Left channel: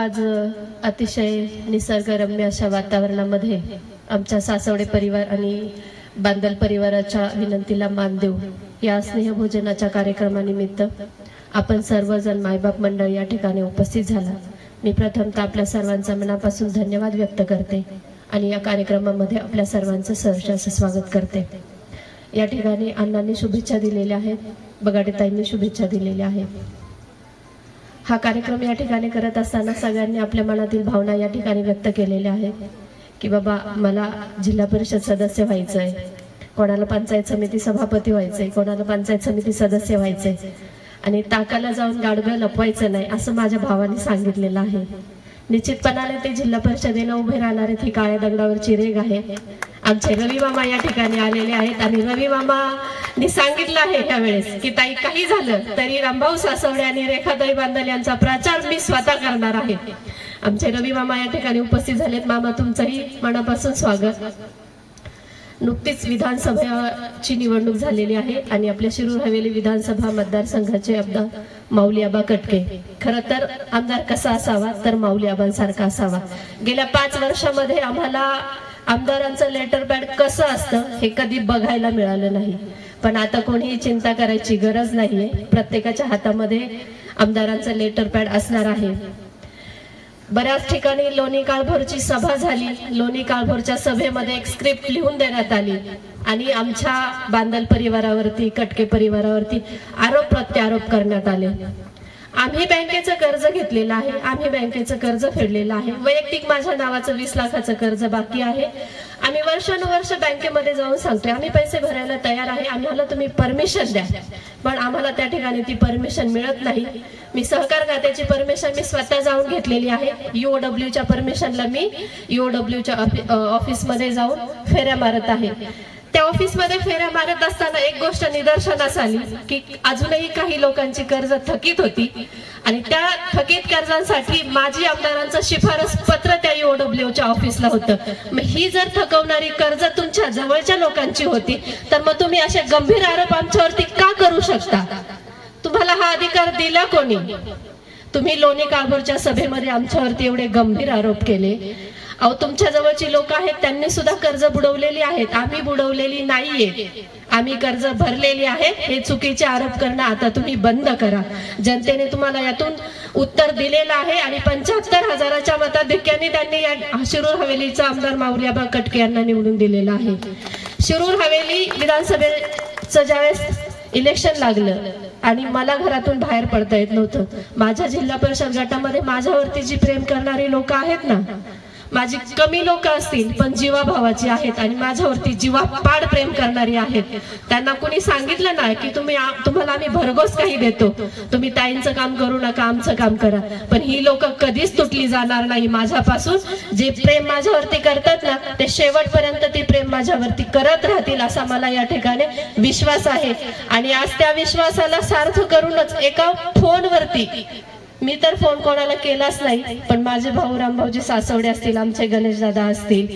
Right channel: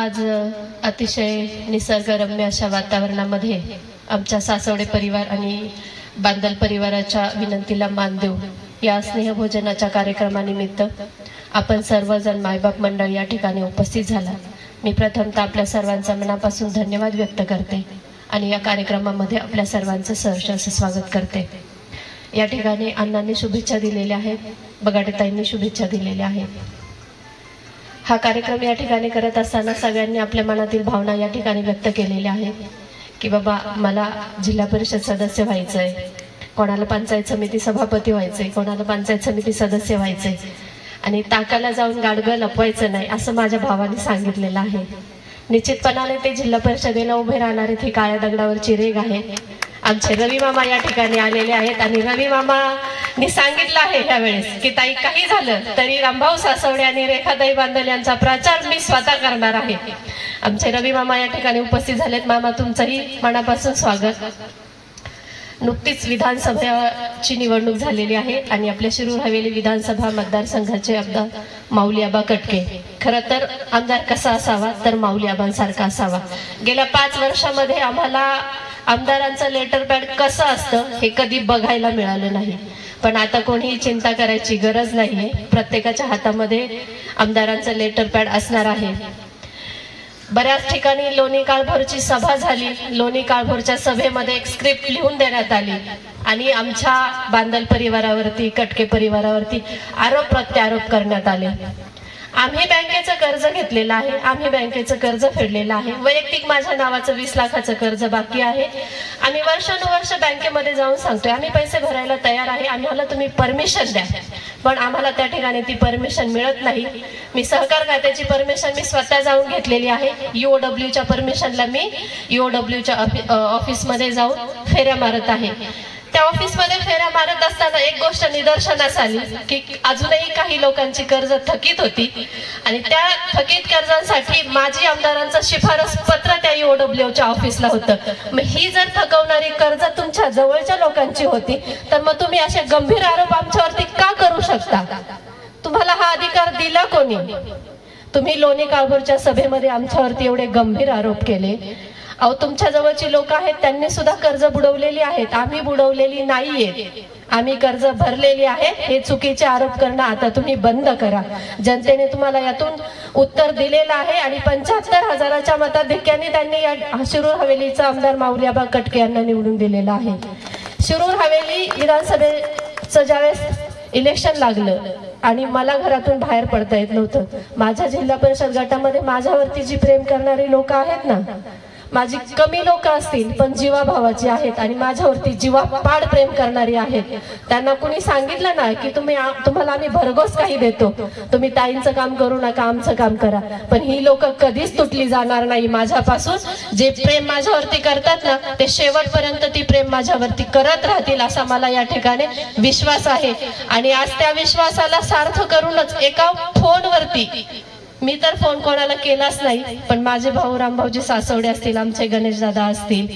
आज अतिशय निसर्गरम्य अशा वातावरणामध्ये आमच्या सासवडे परिवार आणि बांदल परिवाराच्या विनंतीला मान देऊ या स्नेहभोजनाच्या कार्यक्रमानिमित्त आपण सर्वजण मायबाप मंडळ या ठिकाणी उपस्थित झाला। मी प्रथमतः आपल्या सर्वांचा मनापासून धन्यवाद व्यक्त करते आणि या कार्यक्रमामध्ये आपल्या सर्वांचं सहर्ष स्वागत करते। या ठिकाणी अण्णांनी शुभेच्छा दिलेल्या आहेत, बगाडेताईंनी शुभेच्छा दिलेल्या आहेत। हा कार्यक्रम या ठिकाणी करत असताना सगळ्यांनी आपल्या मनातील भावना या ठिकाणी व्यक्त केलेल्या आहेत की बाबा मला जिल्हा परिषद सदस्य व्हायचंय, कोणाला पंचायत समिती सभापती व्हायचंय, कोणाला पंचायत समिती सदस्य व्हायचंय आणि ताकाला जाऊन गाडगं लपवायचं नाही असं माझ्या भावाने सांगितलेलं आहे। निश्चितपणाने ते जिल्हा परिषदेला उभे राहणारे ती काळ्या दगडावरची रेग आहे। आमचे रवी मामा या ठिकाणी आलेले आहेत आणि रवी मामांनी सांगितलं आहे यावेळेस की ताई काही झालं तरी रामभाऊ सासवडे आणि रेखाताई बांदल यांचा प्रचार मी स्वतः करणार आहे। आमचे रवी मामा या ठिकाणी उपस्थित झालेत। मामा तुमचंही मनापासून स्वागत। नुकतीच विधानसभेची निवडणूक झालेली आहे आणि आपल्या शिरूर हवेली विधानसभा मतदारसंघाचे आमदार माऊली आबा कटके। खरं तर आमदार कसा असावा तर माऊली आबांसारखा असावा। गेल्या 5 वर्षामध्ये आम्हाला आमदारांचं लेटर पॅड कसं असतं हे कधी बघायला मिळालं नाही, पण आता कोणीही चिंता करायची गरज नाहीये। प्रत्येकाच्या हातामध्ये आमदारांचं लेटर पॅड असणार आहे। बऱ्याच ठिकाणी लोणी काळभोरची सभा झाली। लोणी काळभोरच्या सभेमध्ये एक स्क्रिप्ट लिहून देण्यात आली आणि आमच्या बांदल परिवारावरती, कटके परिवारावरती आरोप प्रत्यारोप करण्यात आले। आम्ही बँकेचं कर्ज घेतलेलं आहे, आम्ही बँकेचं कर्ज फेडलेलं आहे। वैयक्तिक माझ्या नावाचं 20 लाखाचं कर्ज बाकी आहे। आम्ही वर्षानुवर्ष बँकेमध्ये जाऊन सांगतोय आम्ही पैसे भरायला तयार आहे, आम्हाला तुम्ही परमिशन द्या, पण आम्हाला त्या ठिकाणी ती परमिशन मिळत नाही। मी सहकार खात्याची परमिशन मी स्वतः जाऊन घेतलेली आहे। ईओडब्ल्यूच्या परमिशनला मी ईओडब्ल्यूच्या ऑफिसमध्ये जाऊन फेऱ्या मारत आहे। त्या ऑफिसमध्ये फेऱ्या मारत असताना एक गोष्ट निदर्शनास आली की अजूनही काही लोकांची कर्ज थकीत होती आणि त्या थकीत कर्जांसाठी माजी आमदारांचं शिफारस पत्र त्या ईओडब्ल्यूच्या ऑफिसला होतं। मग ही जर थकवणारी कर्ज तुमच्या जवळच्या लोकांची होती तर मग तुम्ही असे गंभीर आरोप आमच्यावरती का करू शकता? तुम्हाला हा अधिकार दिला कोणी? तुम्ही लोणी काळभोरच्या सभेमध्ये आमच्यावरती एवढे गंभीर आरोप केले। अहो तुमच्या जवळची लोक आहेत त्यांनी सुद्धा कर्ज बुडवलेली आहेत, आम्ही बुडवलेली नाहीये, आम्ही कर्ज भरलेली आहेत। हे चुकीचे आरोप करणं आता तुम्ही बंद करा। जनतेने तुम्हाला यातून उत्तर दिलेलं आहे आणि 75,000च्या मताधिक्याने त्यांनी शिरूर हवेलीचा आमदार माऊली आबा कटके यांना निवडून दिलेला आहे। शिरूर हवेली विधानसभेचं ज्यावेळेस इलेक्शन लागलं आणि मला घरातून बाहेर पडता येत नव्हतं, माझ्या जिल्हा परिषद गटामध्ये माझ्यावरती जी प्रेम करणारी लोक आहेत ना, माझी कमी लोक असतील पण जीवाभावाची आहेत आणि माझ्यावरती जीवापाड प्रेम करणारी आहेत। त्यांना कोणी सांगितलं नाही की तुम्हाला आम्ही भरघोस काही देतो, तुम्ही ताईंचं काम करू नका, आमचं काम करा, पण ही लोक कधीच तुटली जाणार नाही माझ्यापासून। जे प्रेम माझ्यावरती करतात ना ते शेवटपर्यंत ती प्रेम माझ्यावरती करत राहतील असा मला या ठिकाणी विश्वास आहे। आणि आज त्या विश्वासाला सार्थ करूनच एका फोनवरती, मी तर फोन कोणाला केलाच नाही, पण माझे भाऊ रामभाऊजी सासवडे असतील, आमचे गणेश दादा असतील,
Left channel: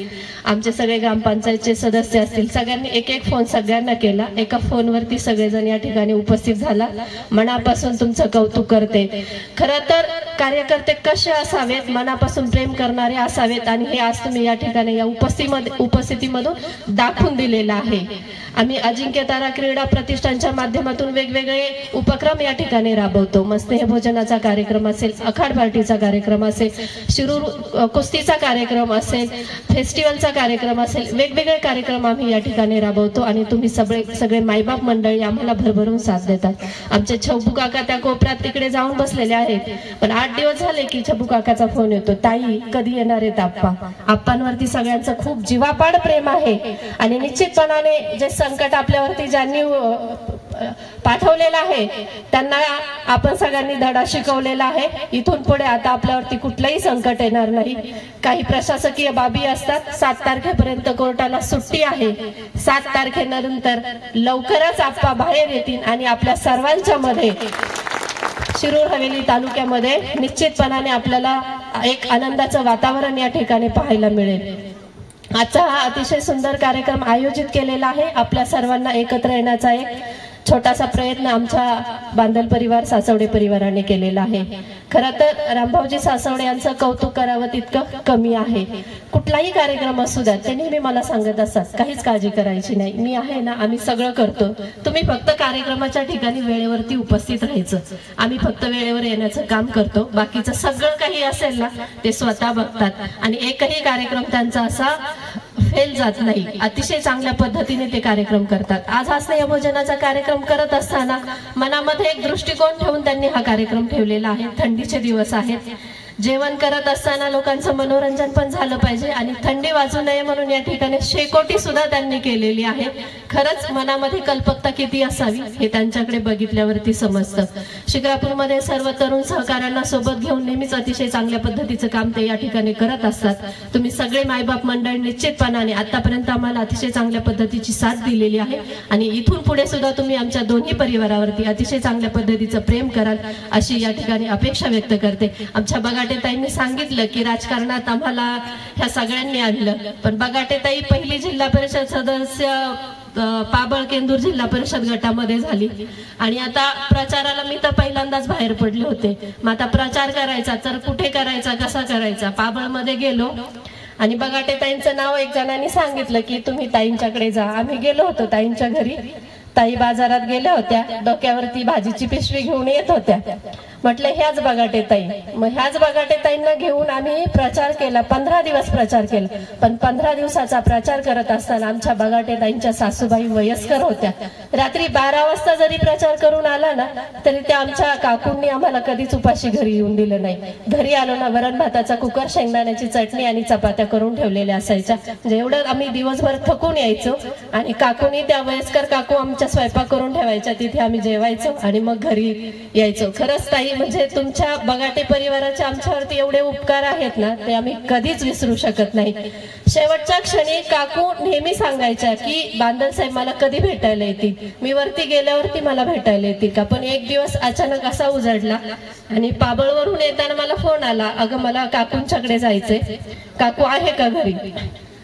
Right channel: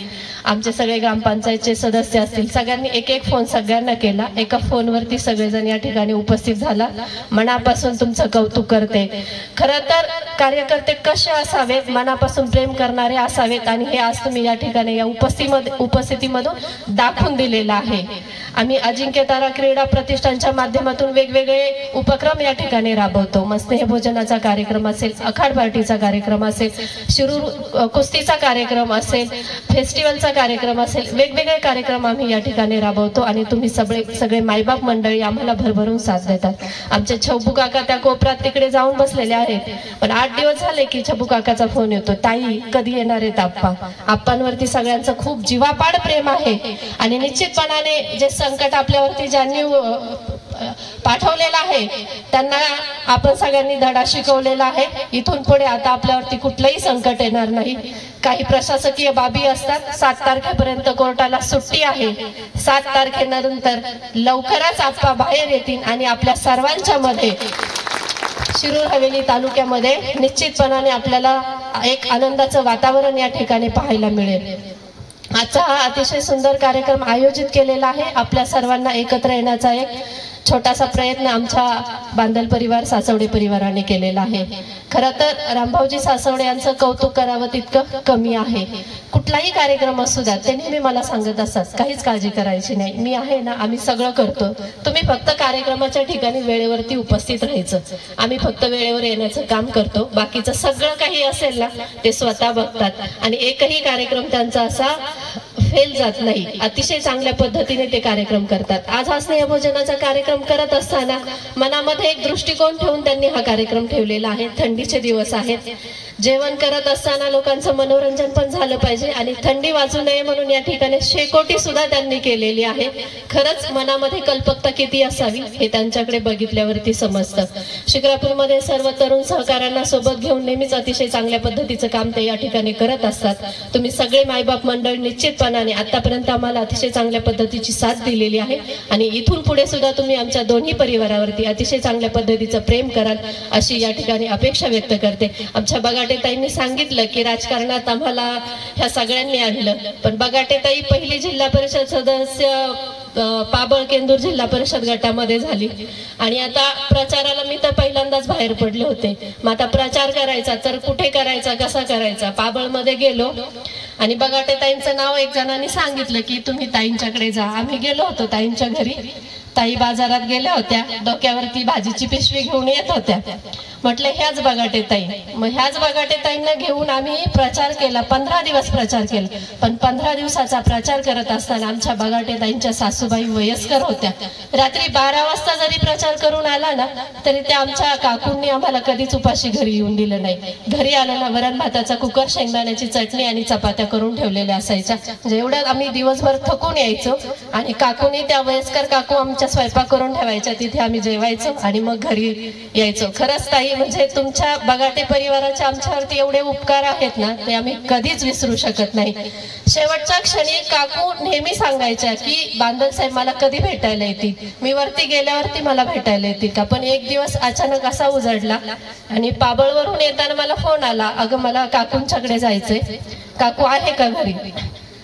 आमचे सगळे ग्रामपंचायतचे सदस्य असतील, सगळ्यांनी एक एक फोन सगळ्यांना केला। एका फोनवरती सगळेजण या ठिकाणी उपस्थित झाला। मनापासून तुमचं कौतुक करते। खरं तर कार्यकर्ते कसे असावेत, मनापासून प्रेम करणारे असावेत आणि हे आज तुम्ही या ठिकाणी या उपस्थितीमधून दाखवून दिलेलं आहे। आम्ही अजिंक्य तारा क्रीडा प्रतिष्ठानच्या माध्यमातून वेगवेगळे उपक्रम या ठिकाणी राबवतो। मग स्नेहभोजनाचा कार्यक्रम असेल, अखाड पार्टीचा कार्यक्रम असेल, शिरूर कुस्तीचा कार्यक्रम असेल, फेस्टिवलचा कार्यक्रम असेल, वेगवेगळे कार्यक्रम आम्ही या ठिकाणी राबवतो आणि तुम्ही सगळे मायबाप मंडळी आम्हाला भरभरून साथ देतात। आमचे छब्बू काका त्या कोपऱ्यात तिकडे जाऊन बसलेले आहेत, पण 8 दिवस झाले की छब्बू काकाचा फोन येतो, ताई कधी येणार आहेत आप्पा? आप्पांवरती सगळ्यांचं खूप जीवापाड प्रेम आहे आणि निश्चितपणाने जे संकट आपल्यावरती ज्यांनी पाठवलेलं आहे त्यांना आपण सगळ्यांनी धडा शिकवलेला आहे। इथून पुढे आता आपल्यावरती कुठलंही संकट येणार नाही। काही प्रशासकीय बाबी असतात, 7 तारखेपर्यंत कोर्टाला सुट्टी आहे। 7 तारखेनंतर लवकरच आप्पा बाहेर येतील आणि आपल्या सर्वांच्या मध्ये शिरूर हवेली तालुक्यामध्ये निश्चितपणाने आपल्याला एक आनंदाचं वातावरण या ठिकाणी पाहायला मिळेल। आजचा हा अतिशय सुंदर कार्यक्रम आयोजित केलेला आहे। आपल्या सर्वांना एकत्र येण्याचा एक छोटासा प्रयत्न आमच्या बांदल परिवार सासवडे परिवाराने केलेला आहे. खरं तर रामभाऊजी सासवडे यांचं कौतुक करावं तितकं कमी आहे. कुठलाही कार्यक्रम असू द्या ते नेहमी मला सांगत असतात, काहीच काळजी करायची नाही, मी आहे ना, आम्ही सगळं करतो, तुम्ही फक्त कार्यक्रमाच्या ठिकाणी वेळेवरती उपस्थित राहायचं, आम्ही फक्त वेळेवर येण्याचं काम करतो, बाकीचं सगळं काही असेल ना ते स्वतः बघतात आणि एकही कार्यक्रम त्यांचा असा फेल जात नाही. अतिशय चांगल्या पद्धतीने ते कार्यक्रम करतात. आज हा स्नेहभोजनाचा कार्यक्रम करत असताना मनामध्ये एक दृष्टिकोन ठेवून त्यांनी हा कार्यक्रम ठेवलेला आहे. थंडीचे दिवस आहेत, जेवण करत असताना लोकांचं मनोरंजन पण झालं पाहिजे आणि थंडी वाजू नये म्हणून या ठिकाणी शेकोटी सुद्धा त्यांनी केलेली आहे. खरंच मनामध्ये कल्पकता किती असावी हे त्यांच्याकडे बघितल्यावरती समजतं. शिक्रापूरमध्ये सर्व तरुण सहकाऱ्यांना सोबत घेऊन नेहमीच अतिशय चांगल्या पद्धतीचं काम ते या ठिकाणी करत असतात. तुम्ही सगळे मायबाप मंडळ निश्चितपणाने आतापर्यंत आम्हाला अतिशय चांगल्या पद्धतीची साथ दिलेली आहे आणि इथून पुढे सुद्धा तुम्ही आमच्या दोन्ही परिवारावरती अतिशय चांगल्या पद्धतीचं प्रेम कराल अशी या ठिकाणी अपेक्षा व्यक्त करते. आमच्या बगाटेताईंनी सांगितलं की राजकारणात आम्हाला ह्या सगळ्यांनी आणलं, पण बगाटेताई पहिली जिल्हा परिषद सदस्य पाबळ केंदूर जिल्हा परिषद गटामध्ये झाली आणि आता प्रचाराला मी तर पहिल्यांदाच बाहेर पडले होते. मग आता प्रचार करायचा तर कुठे करायचा, कसा करायचा, पाबळमध्ये गेलो आणि बगाटेताईंचं नाव एक जणांनी सांगितलं की तुम्ही ताईंच्याकडे जा. आम्ही गेलो होतो ताईंच्या घरी. ताई बाजारात गेल्या होत्या, डोक्यावरती भाजीची पिशवी घेऊन येत होत्या. म्हटलं ह्याच बगाटेताई. मग ह्याच बगाटेताईंना घेऊन आम्ही प्रचार केला, 15 दिवस प्रचार केला. पण 15 दिवसाचा प्रचार करत असताना आमच्या बगाटेताईंच्या सासूबाई वयस्कर होत्या. रात्री 12 वाजता जरी प्रचार करून आला ना तरी त्या आमच्या काकूंनी आम्हाला कधीच उपाशी घरी येऊन दिलं नाही. घरी आलो ना वरण भाताचा कुकर, शेंगदाण्याची चटणी आणि चपात्या करून ठेवलेल्या असायच्या. जेवढ्यात आम्ही दिवसभर थकून यायचो आणि काकूनी, त्या वयस्कर काकू आमच्या स्वयंपाक करून ठेवायच्या, तिथे आम्ही जेवायचो आणि मग घरी यायचो. खरंच ताई, म्हणजे तुमच्या बगाटे परिवाराचे आमच्यावरती एवढे उपकार आहेत ना ते आम्ही कधीच विसरू शकत नाही. शेवटच्या क्षणी काकू नेहमी सांगायच्या की बांदल साहेब मला कधी भेटायला येतील, मी वरती गेल्यावरती मला भेटायला येतील का. पण एक दिवस अचानक असा उजडला आणि पाबळवरून येताना मला फोन आला, अगं मला काकूंच्याकडे जायचंय, काकू आहे का घरी.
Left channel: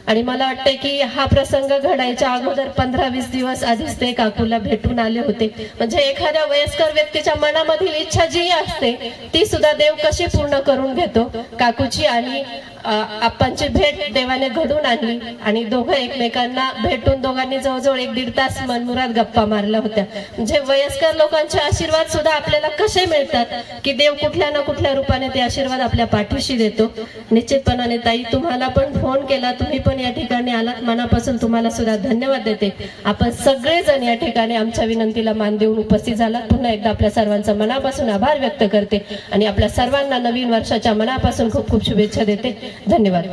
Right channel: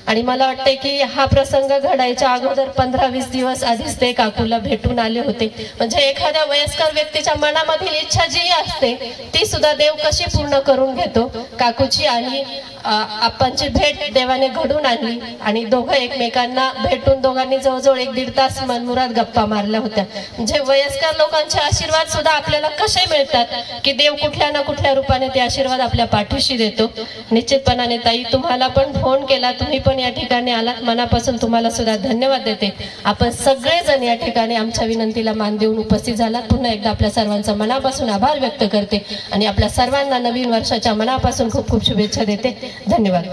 आणि मला वाटते की हा प्रसंग घडायच्या अगोदर 15-20 दिवस आधीच ते काकूला भेटून आले होते. म्हणजे एखाद्या वयस्कर व्यक्तीच्या मनामधील इच्छा जी असते ती सुद्धा देव कशी पूर्ण करून घेतो. काकूची आणि आपणची भेट देवाने घडून आणली आणि दोघं एकमेकांना भेटून दोघांनी जवळजवळ 1-1.5 तास मनमुराद गप्पा मारल्या होत्या. म्हणजे वयस्कर लोकांचे आशीर्वाद सुद्धा आपल्याला कसे मिळतात की देव कुठल्या ना कुठल्या रूपाने ते आशीर्वाद आपल्या पाठीशी देतो. निश्चितपणाने ताई, तुम्हाला पण फोन केला, तुम्ही पण या ठिकाणी आलात, मनापासून तुम्हाला सुद्धा धन्यवाद देते. आपण सगळेजण या ठिकाणी आमच्या विनंतीला मान देऊन उपस्थित झालात. पुन्हा एकदा आपल्या सर्वांचा मनापासून आभार व्यक्त करते आणि आपल्या सर्वांना नवीन वर्षाच्या मनापासून खूप खूप शुभेच्छा देते. धन्यवाद.